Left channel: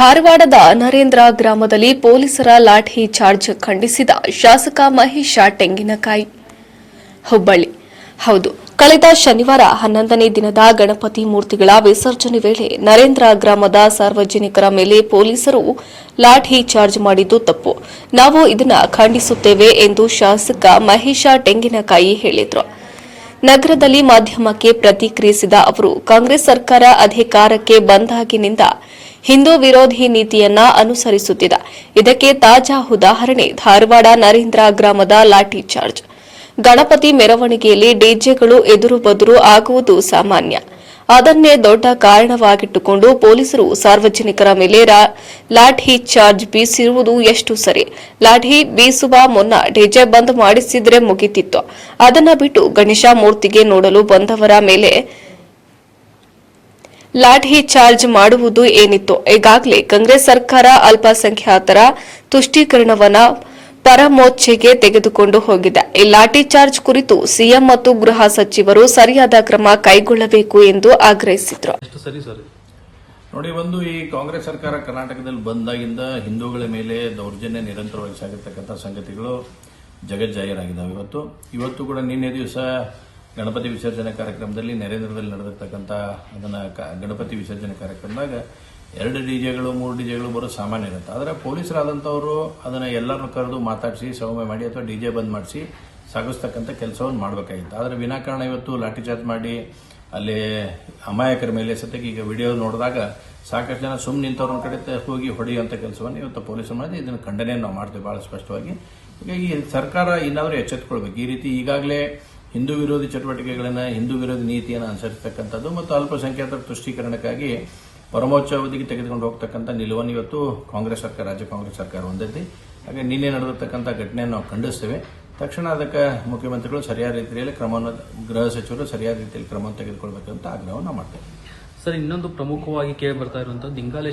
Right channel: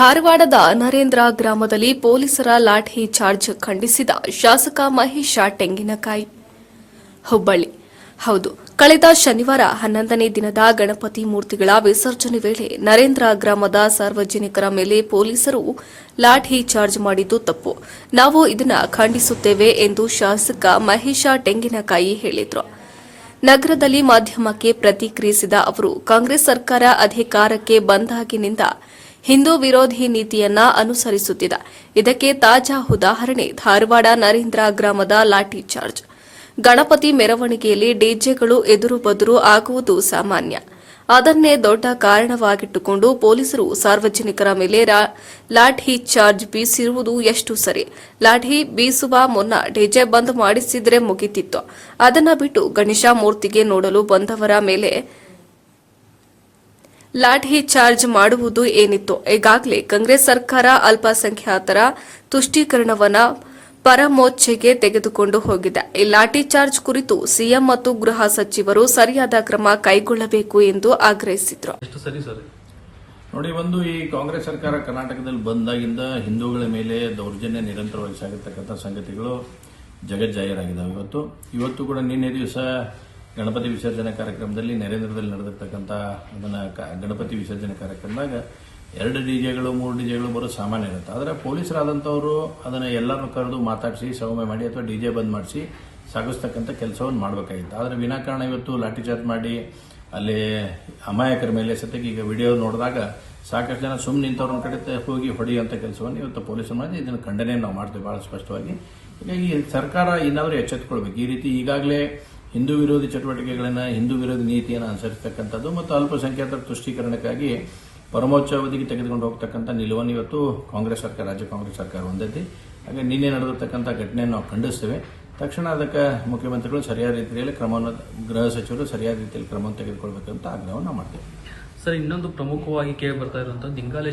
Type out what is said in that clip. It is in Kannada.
ಧಾರವಾಡದ ನರೇಂದ್ರ ಗ್ರಾಮದಲ್ಲಿ ಪೊಲೀಸರ ಲಾಠಿ ಚಾರ್ಜ್ ಖಂಡಿಸಿದ ಶಾಸಕ ಮಹೇಶ ತೆಂಗಿನಕಾಯಿ. ಹುಬ್ಬಳ್ಳಿ. ಹೌದು, ಕಳೆದ ಶನಿವಾರ 11ನೇ ದಿನದ ಗಣಪತಿ ಮೂರ್ತಿಗಳ ವಿಸರ್ಜನೆ ವೇಳೆ ನರೇಂದ್ರ ಗ್ರಾಮದ ಸಾರ್ವಜನಿಕರ ಮೇಲೆ ಪೊಲೀಸರು ಲಾಠಿ ಚಾರ್ಜ್ ಮಾಡಿದ್ದು ತಪ್ಪು. ನಾವು ಇದನ್ನು ಖಂಡಿಸುತ್ತೇವೆ ಎಂದು ಶಾಸಕ ಮಹೇಶ ತೆಂಗಿನಕಾಯಿ ಹೇಳಿದರು. ನಗರದಲ್ಲಿ ಮಾಧ್ಯಮಕ್ಕೆ ಪ್ರತಿಕ್ರಿಯಿಸಿದ ಅವರು, ಕಾಂಗ್ರೆಸ್ ಸರ್ಕಾರ ಅಧಿಕಾರಕ್ಕೆ ಬಂದಾಗಿನಿಂದ ಹಿಂದೂ ವಿರೋಧಿ ನೀತಿಯನ್ನ ಅನುಸರಿಸುತ್ತಿದೆ. ಇದಕ್ಕೆ ತಾಜಾ ಉದಾಹರಣೆ ಧಾರವಾಡ ನರೇಂದ್ರ ಗ್ರಾಮದ ಲಾಠಿ ಚಾರ್ಜ್. ಗಣಪತಿ ಮೆರವಣಿಗೆಯಲ್ಲಿ ಡಿಜೆಗಳು ಎದುರು ಬದುರು ಆಗುವುದು ಸಾಮಾನ್ಯ. ಅದನ್ನೇ ದೊಡ್ಡ ಕಾರಣವಾಗಿಟ್ಟುಕೊಂಡು ಪೊಲೀಸರು ಸಾರ್ವಜನಿಕರ ಮೇಲೆ ಲಾಠಿ ಚಾರ್ಜ್ ಬೀಸಿರುವುದು ಎಷ್ಟು ಸರಿ? ಲಾಠಿ ಬೀಸುವ ಮುನ್ನ ಡಿಜೆ ಬಂದ್ ಮಾಡಿಸಿದ್ರೆ ಮುಗಿತಿತ್ತು. ಅದನ್ನ ಬಿಟ್ಟು ಗಣೇಶ ಮೂರ್ತಿಗೆ ನೋಡಲು ಬಂದವರ ಮೇಲೆ ಲಾಠಿ ಚಾರ್ಜ್ ಮಾಡುವುದು ಏನಿತ್ತು? ಈಗಾಗಲೇ ಕಾಂಗ್ರೆಸ್ ಸರ್ಕಾರ ಅಲ್ಪಸಂಖ್ಯಾತರ ತುಷ್ಟೀಕರಣವನ್ನ ಪರಮೋಚ್ಚೆಗೆ ತೆಗೆದುಕೊಂಡು ಹೋಗಿದೆ. ಈ ಲಾಠಿ ಚಾರ್ಜ್ ಕುರಿತು ಸಿಎಂ ಮತ್ತು ಗೃಹ ಸಚಿವರು ಸರಿಯಾದ ಕ್ರಮ ಕೈಗೊಳ್ಳಬೇಕು ಎಂದು ಆಗ್ರಹಿಸಿದರು. ನೋಡಿ, ಒಂದು ಈ ಕಾಂಗ್ರೆಸ್ ಸರ್ಕಾರ ಕರ್ನಾಟಕದಲ್ಲಿ ಬಂದಾಗಿಂದ ಹಿಂದೂಗಳ ಮೇಲೆ ದೌರ್ಜನ್ಯ ನಿರಂತರವಾಗಿ ಸಾಗಿರ್ತಕ್ಕಂಥ ಸಂಗತಿಗಳು ಜಗಜ್ಜಾಹೀರಾಗಿದ್ದಾವೆ. ಇವತ್ತು ಕೂಡ ನಿನ್ನೆ ದಿವಸ ಗಣಪತಿ ವಿಸರ್ಜನೆ ಕಾರ್ಯಕ್ರಮದಲ್ಲಿ ನರೇಂದ್ರದಲ್ಲಿ ನಡೆದಿರ್ತಕ್ಕಂಥ ಗಣಪತಿ ವಿಸರ್ಜನೆ ಕಾರ್ಯಕ್ರಮದಾಗ 2 ಡಿಜೆಗಳು 3 ಡಿಜೆಗಳು ಬರೋದು ಸಾಮಾನ್ಯ ಇರುತ್ತೆ. ಆದರೆ ಪೊಲೀಸರಾದಂಥವರು ಅದನ್ನು ಎಲ್ಲರನ್ನು ಕರೆದು ಮಾತಾಡಿಸಿ ಸೌಮ್ಯ ಮಾಡಿ ಅಥವಾ ಡಿಜೆ ಬಂದ್ ಮಾಡಿಸಿ ಸಾಗಿಸ್ತಕ್ಕಂಥ ಕೆಲಸವನ್ನು ಮಾಡಬೇಕಾಗಿತ್ತು. ಆದರೆ ವಿನಾಕಾರಣ ಇವತ್ತು ಲಾಠಿ ಚಾರ್ಜ್ ಮಾಡಿ ಅಲ್ಲಿ ಅಮಾಯಕರ ಮೇಲೆ ಸತ್ಯಕ್ಕೆ ಈಗ ವಿಡಿಯೋ ನೋಡಿದಾಗ ಸಾಕಷ್ಟು ಜನ ಸುಮ್ಮನೆ ನಿಂತವ್ರನ್ನ ಕಡೆ ಹೋಗಿ ಹೊಡೆಯುವಂಥ ಕೆಲಸವನ್ನು ಇವತ್ತು ಪೊಲೀಸರು ಮಾಡಿ ಇದನ್ನು ಖಂಡನೆ ನಾವು ಮಾಡ್ತೇವೆ ಬಹಳ ಸ್ಪಷ್ಟವಾಗಿ. ಹೀಗಾಗಿ ಸರ್ಕಾರ ಇನ್ನಾದರೂ ಎಚ್ಚೆತ್ತುಕೊಳ್ಬೇಕು. ಈ ರೀತಿ ಈಗಾಗಲೇ ಹಿಂದೂ ವಿರೋಧಿ ಚಟುವಟಿಕೆಗಳನ್ನು, ಹಿಂದೂ ವಿರೋಧಿ ನೀತಿಯನ್ನು ಅನುಸರಿಸತಕ್ಕಂಥದ್ದು ಮತ್ತು ಅಲ್ಪಸಂಖ್ಯಾತರ ತುಷ್ಟೀಕರಣಕ್ಕಾಗಿ ಪರಮೋಚ್ಚ ಅವಧಿಗೆ ತೆಗೆದುಕೊಂಡು ಹೋಗ್ತಕ್ಕಂಥ ನಿಲುವನ್ನು ಇವತ್ತು ಕಾಂಗ್ರೆಸ್ ಸರ್ಕಾರ, ರಾಜ್ಯ ಕಾಂಗ್ರೆಸ್ ಸರ್ಕಾರ ಹೊಂದೈತಿ. ಹಾಗೆ ನಿನ್ನೆ ನಡೆದಿರ್ತಕ್ಕಂಥ ಘಟನೆಯನ್ನು ನಾವು ಖಂಡಿಸ್ತೇವೆ. ತಕ್ಷಣ ಅದಕ್ಕೆ ಮುಖ್ಯಮಂತ್ರಿಗಳು ಸರಿಯಾದ ರೀತಿಯಲ್ಲಿ ಕ್ರಮವನ್ನು, ಗೃಹ ಸಚಿವರು ಸರಿಯಾದ ರೀತಿಯಲ್ಲಿ ಕ್ರಮವನ್ನು ತೆಗೆದುಕೊಳ್ಬೇಕಂತ ಆಗ್ರಹವನ್ನು ಮಾಡ್ತೇವೆ. ಸರ್, ಇನ್ನೊಂದು ಪ್ರಮುಖವಾಗಿ ಕೇಳಿ ಬರ್ತಾ ಇರುವಂತಹ